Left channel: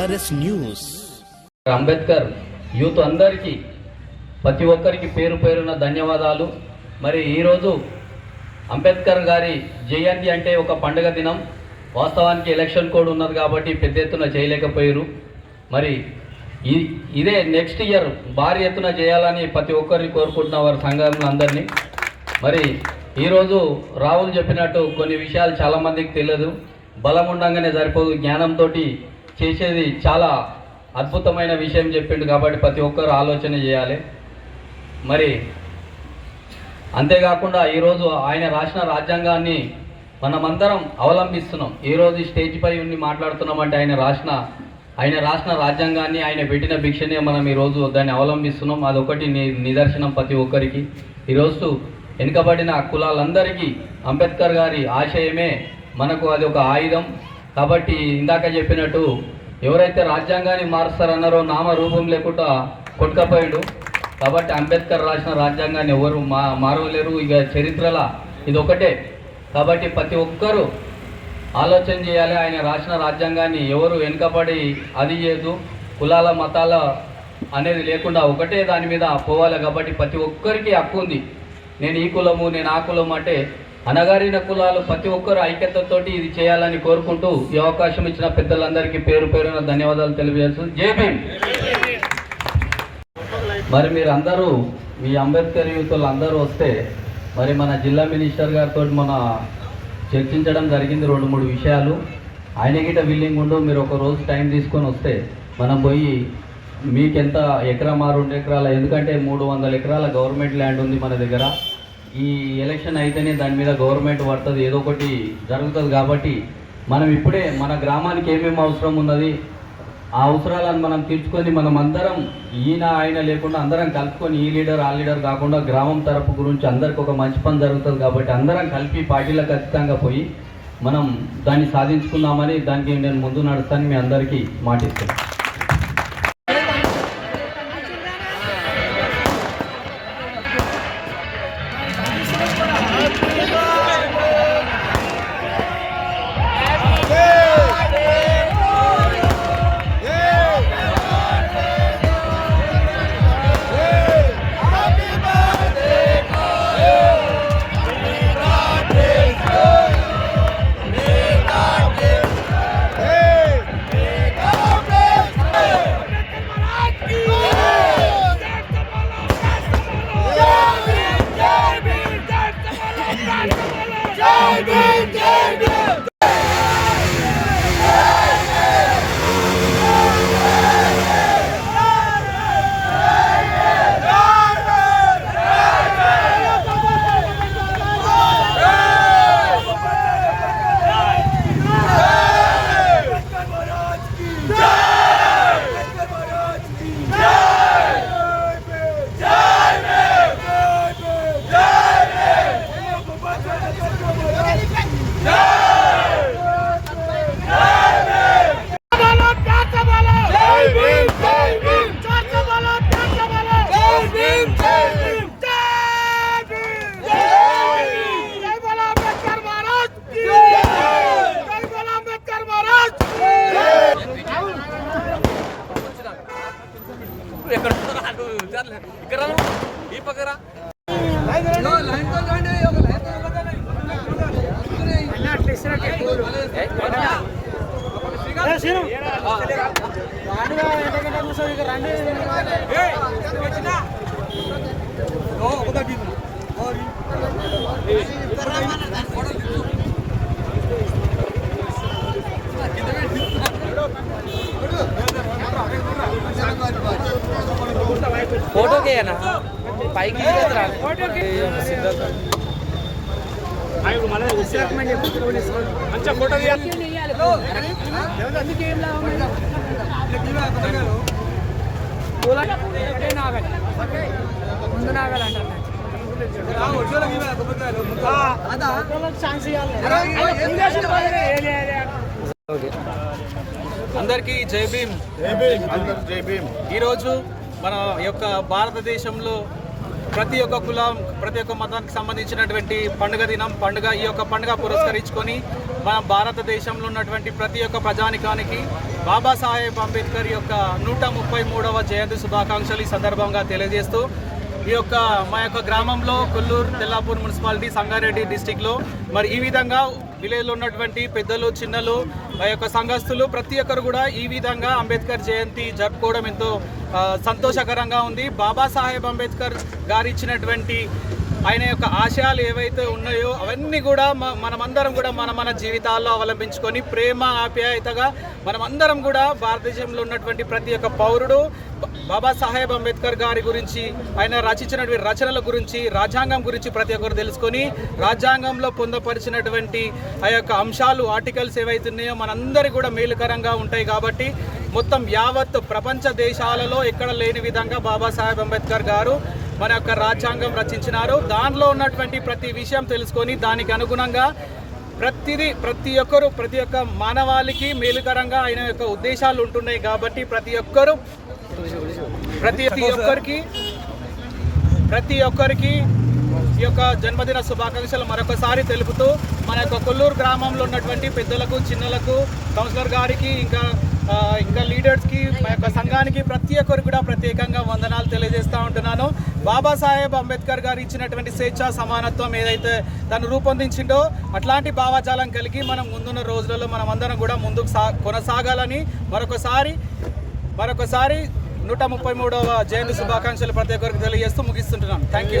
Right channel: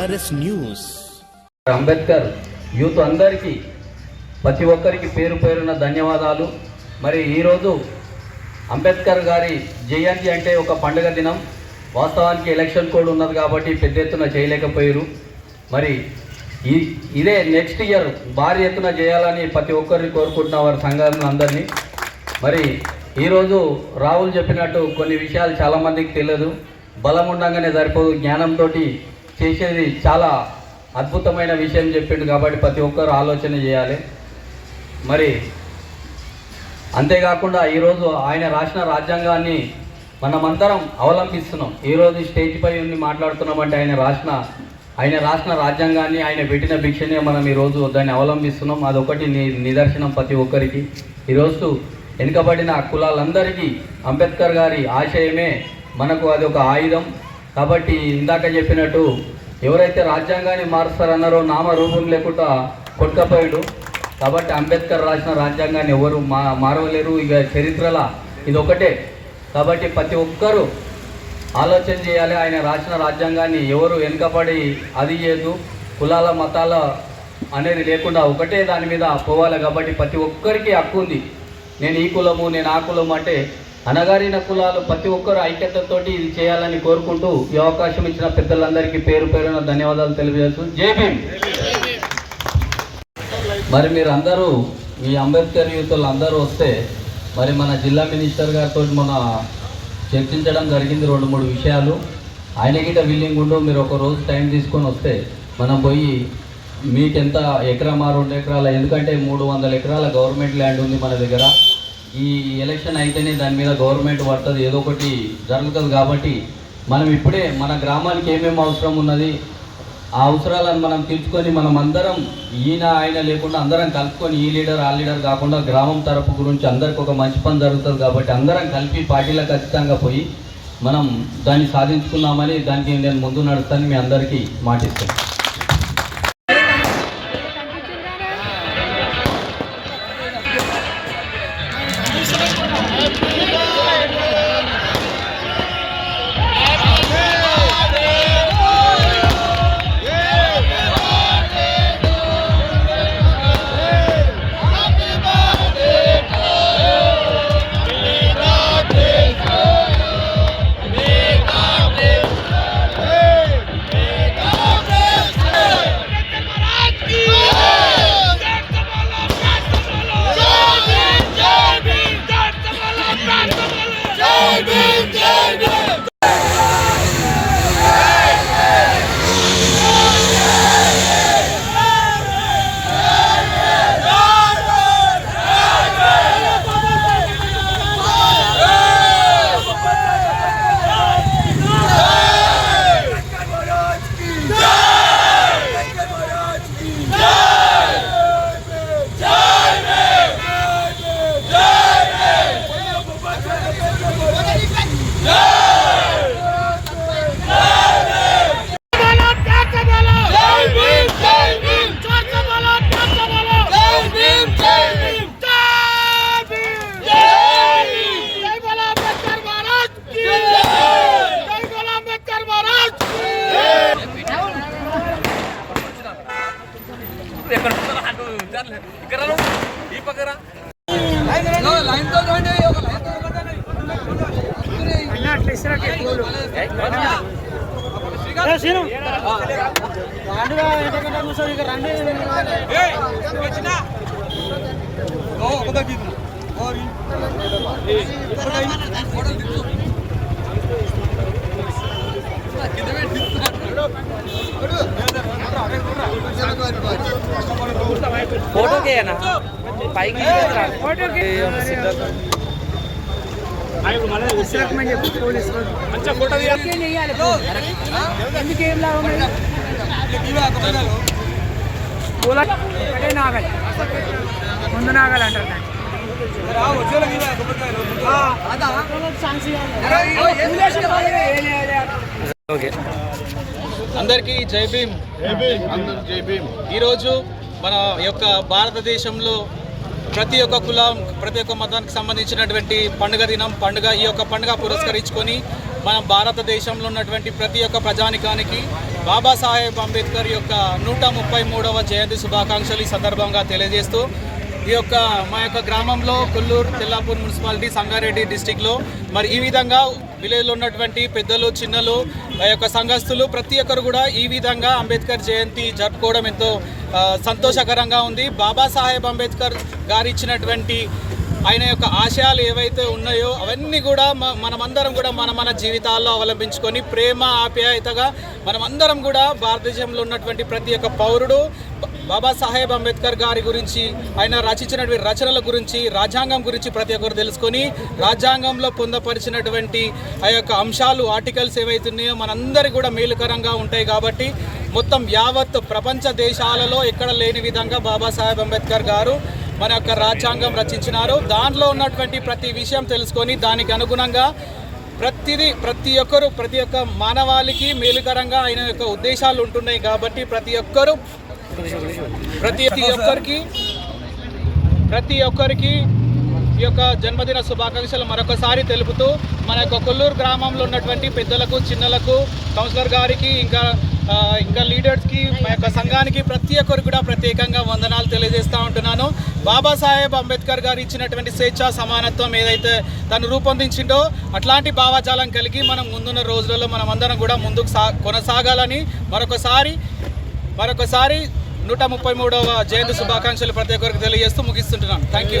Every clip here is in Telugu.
TRS news. అంబేద్కర్ యూత్ అందరికీ ప్రతి ఒక్కరికి పేరు పేరున ధన్యవాదాలు. మరి ఈరోజు అంబేద్కర్ గారి జయంతి అంటే ఒక పండుగ దినం. వాస్తవానికి ఎలక్షన్ కోడ్ ఉన్నది కాబట్టి పెద్ద ఎత్తున చేయలేకపోయారు. మరి ఈ ఇదే నెక్స్ట్ ఇయర్ భారీ ఎత్తున చేయాలని ప్రతి ఒక్కరిని కోరుకుంటున్న వారి సంఘాలను అందరినీ. మరి ఈరోజు రాహుల్ చెప్పినట్టు కొన్ని విషయాలు చాలామందికి తెలియదు. బలం ఉండగానే సరిపోదు. జ్ఞానంతో చేసేది చాలా అద్భుతమైన విషయం చెప్పిండు కాబట్టి ప్రతి ఒక్కరు ఆలోచన చేయాలి. మరి అంతేకాకుండా ఈరోజు ఆయన రాసిన రాజ్యాంగాన్ని మనమందరం అవలంబిస్తున్నాం. ఈరోజు స్టేజ్పై ఉండి మాట్లాడుతున్నామంటే ఆయన రాసిన ఆయన రాసిన రాజ్యాంగాన్ని ఆయన పెట్టిన భిక్షనే మనం ఈరోజు దాన్ని అవలంబిస్తున్నాం. అదొకటి ని నిదర్శనం ప్రతి ఒక్కరికి. ఈరోజు వెనుకబడిన కులాలందరికీ అంబేద్కర్ గారి ఆశయమే మనకు అది ఒక ఆయుధం. కాబట్టి ఇందాక చెప్పినట్టు ఎవరైతే రాజ్యాంగాన్ని మారుస్తారన్నారో నామ రూపం లేకుండా కొట్టకపోయాడు. కాబట్టి అంబేద్కర్ రాసిన రాజ్యాంగాన్ని ఎవరు మా మారవలేరు. ఇక చరిత్రల ఇది ఒకటే కాబట్టి ప్రతి ఒక్కరూ ఆలోచన చేయాలి. ఆయన రాసిన రాజ్యాంగాన్ని ఎవరు వెనుకబడి అది చేయదు కులాల మతాల అనేది లేకుండా ఒకటే దాని మీద పోవాలి. కాబట్టి ప్రతి ఒక్కరికి హక్కు ఉంది. నేను ఈ కులము నేను ఆ కులము అంటే అనగారిన కులాలు ప్రతి ఒక్కరు ఐక్యతతోటి ఇది చేయాలని కోరుకుంటూ ఈ అవకాశం ఇచ్చిన పెద్దలందరికీ పేరు పేరున ధన్యవాదాలు తెలియజేస్తూ జై మరి మీరు అందరూ మీ అంబేద్కర్ యూతులు అందరూ వస్తే మరి మన జిల్లా మినిస్టర్ గారితో మన చర్చించడం జరిగింది రెండు మూడు విషయాలు. ఆయన గిట విల్లింగ్ ఉండు మీరు ఒక రోజు టైం తీసుకొని వస్తే మనం పోయి మీకు ఎంత ఎకరమా రెండు ఎకరాల ఎందుకంటే మూడు వందల ఎకరాల గవర్నమెంట్ ల్యాండ్ ఉంది మన దగ్గర. ఈ ఎలక్షన్ అయితేనే దాని మీద గవర్నమెంట్ పడుతుంది ఏదో ఒకటి జరుగుతుంది కాబట్టి మనం ఇప్పుడే మన గ్రామానికి ఏమేమి అవసరం ఉన్నది ఆ అవసరాలను మనం తీర్చుకొని మనం అందరం ఈయన ఆయన లేకుండా అందరం కలుపుకొని ఈ లీడర్ ఆ లీడర్ కాకుండా గ్రామం తరపు గురించి అందరికి ఒక మంచి పని జరుగుతుంది కాబట్టి అందరం కలిపి పార్టీలో ఖచ్చితంగా పోయి మనం దాన్ని సాధించుకుందామని దానికి నేను ముందు నడుస్తాను మీ అందరికీ మాటిస్తాను फोटो के है ना बाइक की तरह फोटो के सिद्धार्थ ముందు నాగాలంటారు ఓకే అందరికీ జై భీమ్. ఈరోజు మన యొక్క భారతదేశంలో ప్రతి ఒక్క కులం ప్రతి ఒక్క మతానికి సంబంధించినటువంటి పండుగ దినం పండుగ ఈ యొక్క పండుగ పురస్కరించుకొని మన భారతదేశంలో ఉన్నటువంటి ప్రతి ఒక్క ప్రజానికానికి బాబాసాహెబ్ అంబేద్కర్ యొక్క నూట ముప్పై మూడవ జయంతి శుభాకాంక్షలు ఈ సందర్భంగా తెలియజేస్తూ ఈ యొక్క మా యొక్క గ్రామంలో కొల్లూరు తెల్లాపూర్ మున్సిపాలిటీ సంగారెడ్డి డిస్టిక్లో మరి ఈ విధంగా విలేజ్లో ఉన్నటువంటి పెద్దలు చిన్నలు ఆ యొక్క సంఘస్థులు ప్రతి ఒక్కరు కూడా ఈ విధంగా అంబేద్కర్ జయంతి జరుపుకోవడం ఎంతో సంతోషకరంగా ఉంది. బాబాసాహెబ్ అంబేద్కర్ గారు ఇచ్చినటువంటి ఆయన యొక్క ఆశయాలు ఏవైతే ఉన్నాయో అవన్నీ కూడా మనమందరం కూడా మన మన జీవితాల్లో అవలంబించుకొని ప్రేమ ఆప్యాయతగా మనమందరం కూడా భారతదేశంలో ఉన్నటువంటి ప్రతి ఒక్క పౌరుడు బాబాసాహెబ్ అంబేద్కర్ గారి గురించి ఆయన రచించినటువంటి రచనల గురించి రాజ్యాంగం గురించి ప్రతి ఒక్కరు తెలుసుకొని రాజ్యాంగంలో పొందపరిచినటువంటి ఆ యొక్క అంశాలు ఆర్టికల్స్ ఏవైతున్నాయో మనందరికీ కూడా మేలుకరంగా ఉంటాయి కాబట్టి మొత్తం యావత్ ప్రపంచ దేశాలలో ఎక్కడ లేని విధంగా బాబాసాహెబ్ అంబేద్కర్ గారు మన యొక్క రాజ్యాంగం రచించినారు. దానిలో ఉన్నటువంటి ప్రతి విషయం తెలుసుకొని దానికి అనుగుణంగా ప్రతిదీ ప్రతి ఒక్కరు ప్రతి ఒక్క మానవాళికి మేలుకరంగా ఆయన యొక్క ఉద్దేశాలు ఉంటున్నాయి కాబట్టి ప్రతి ఒక్కరు ప్రతి ఒక్కరికి ప్రతి ఒక్కరికి ఈ యొక్క జన్మదిన శుభాకాంక్షలు మరొకసారి తెలుపుతూ మన యొక్క కొల్లూరు గ్రామంలో ఉన్నటువంటి పెద్దలకు చిన్నలకు కౌన్సిలర్ గారికి ఇంకా ఇంకా లీడర్స్కి మా యొక్క సంఘానికి ప్రతి ఒక్కరికి కూడా ప్రత్యేకంగా వందనాలు తెలియజేస్తూ ఉంటున్నాను. బాబాసాహెబ్ అంబేద్కర్ గారు ఇచ్చినటువంటి స్వేచ్ఛ సమానత్వం ఏదైతే తను రూపొందించిండో అట్లాంటి భావజాలం కలిగి మనం ముందున్న రోజులలో మనం అందరం కూడా ముందుకు సా కొనసాగాలని మరొకసారి మరొకసారి నూట ముప్పై మూడవ జయంతి శుభాకాంక్షలు ప్రతి ఒక్కరికి తెలియజేస్తూ ముగిస్తుంటున్నాను. థ్యాంక్ యూ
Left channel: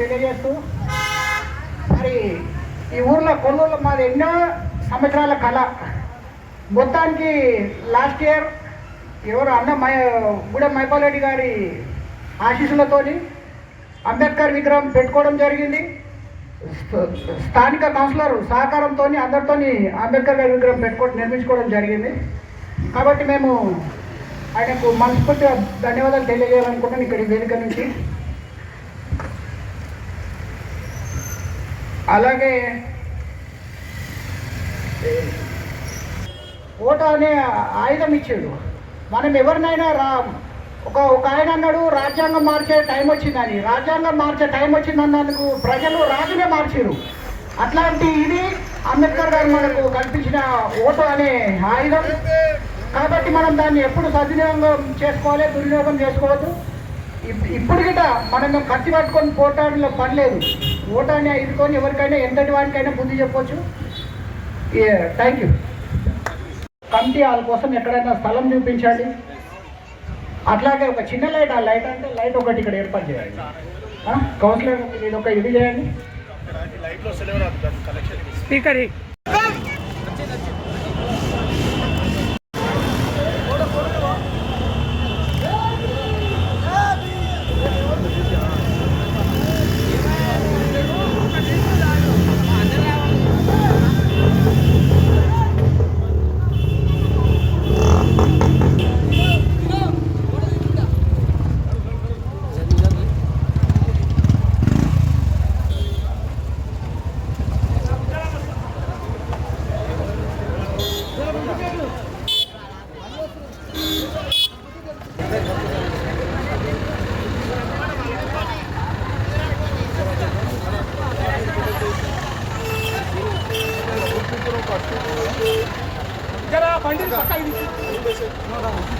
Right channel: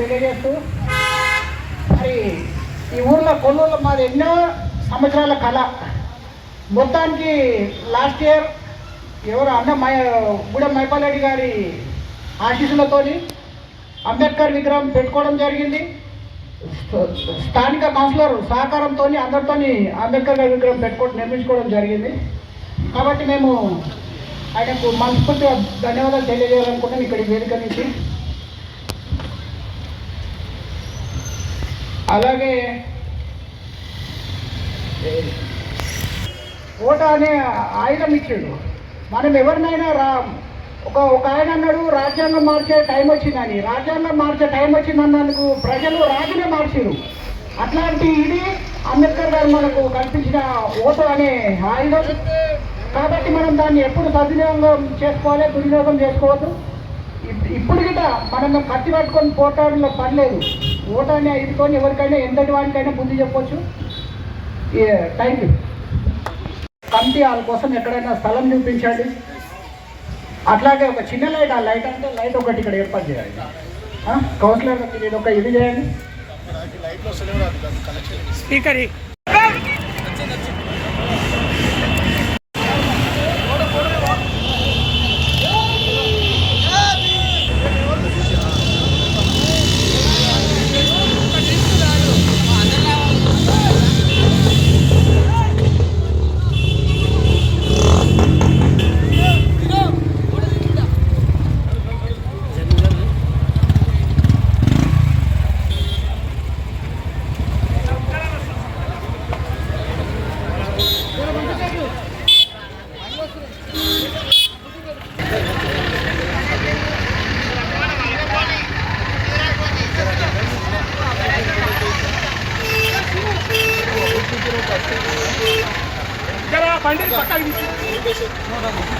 తెలియజేస్తూ మరి ఈ ఊర్లో కొనుగోలు మాది ఎన్నో సంవత్సరాల కళ. మొత్తానికి లాస్ట్ ఇయర్ ఎవరు అన్న మై గూడెం మైపాల్ రెడ్డి గారి ఆశీస్సులతోని అంబేద్కర్ విగ్రహం పెట్టుకోవడం జరిగింది. స్థానిక కౌన్సిలర్ సహకారంతో అందరితో అంబేద్కర్ గారి విగ్రహం పెట్టుకో నిర్మించుకోవడం జరిగింది. కాబట్టి మేము ఆయనకు మనస్ఫూర్తిగా ధన్యవాదాలు తెలియజేయాలనుకుంటున్నాను ఇక్కడ వేదిక నుంచి. అలాగే ఓట అనే ఆయుధం ఇచ్చాడు. మనం ఎవరినైనా రా ఒక ఒక ఆయన అన్నాడు రాజ్యాంగం మార్చే టైం వచ్చిందని. రాజ్యాంగం మార్చే టైం వచ్చిందన్నందుకు ప్రజలు రాజునే మార్చారు అట్లాంటి ఇది అంబేద్కర్ గారు మనకు కల్పించిన ఓటు అనే ఆయుధం. కాబట్టి మనం దాన్ని ఎప్పుడు సద్వినియోగం చేసుకోవాలి దుర్వినియోగం చేసుకోవద్దు. ఇప్- ఇప్పుడు గిట మనం కత్తి పట్టుకొని పోటాడంలో పడలేదు ఓటాన్ని ఐదుకొని ఎవరికైనా ఎంతటి వారికైనా బుద్ధి చెప్పొచ్చు. థ్యాంక్ యూ కమిటీ వాళ్ళ కోసం ఎక్కడైనా స్థలం చూపించాలి అట్లాగే ఒక చిన్న లైట్ ఆ లైట్ అంటే లైట్ ఒకటి ఇక్కడ ఏర్పాటు చేయాలి. ఆ? కౌన్సిలర్ ఇది ఒక ఇది చేయండి స్పీకర్ 뭐라고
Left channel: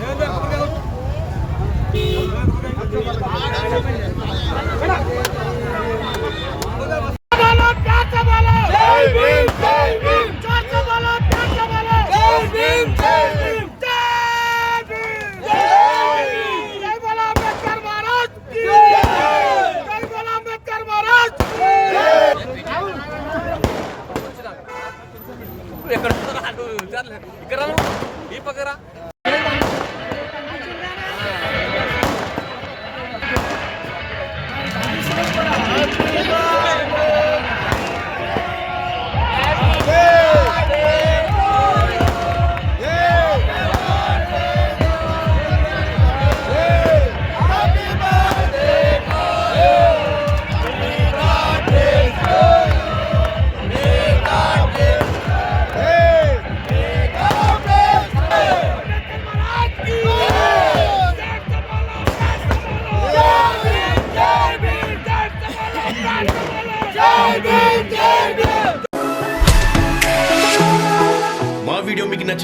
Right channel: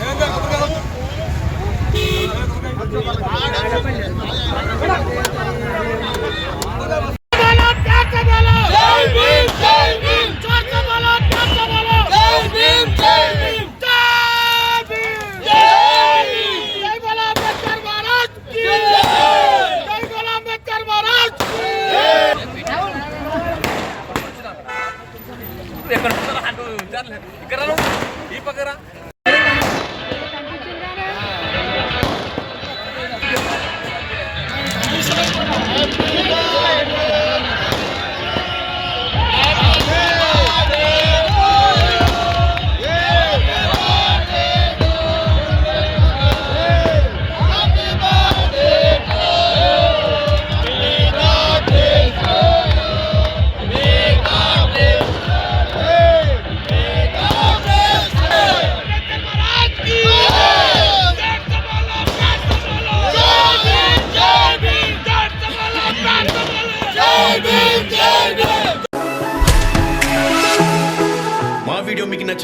ترجمة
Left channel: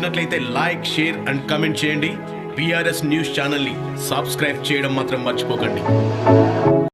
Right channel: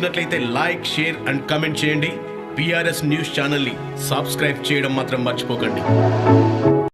నచ్చినట్లయితే లైక్ షేర్ అండ్ కమెంట్ చేయండి. పిఆర్ఎస్ న్యూస్ ఛానల్ని సబ్స్క్రైబ్ చేయడం మాత్రం మర్చిపోకండి.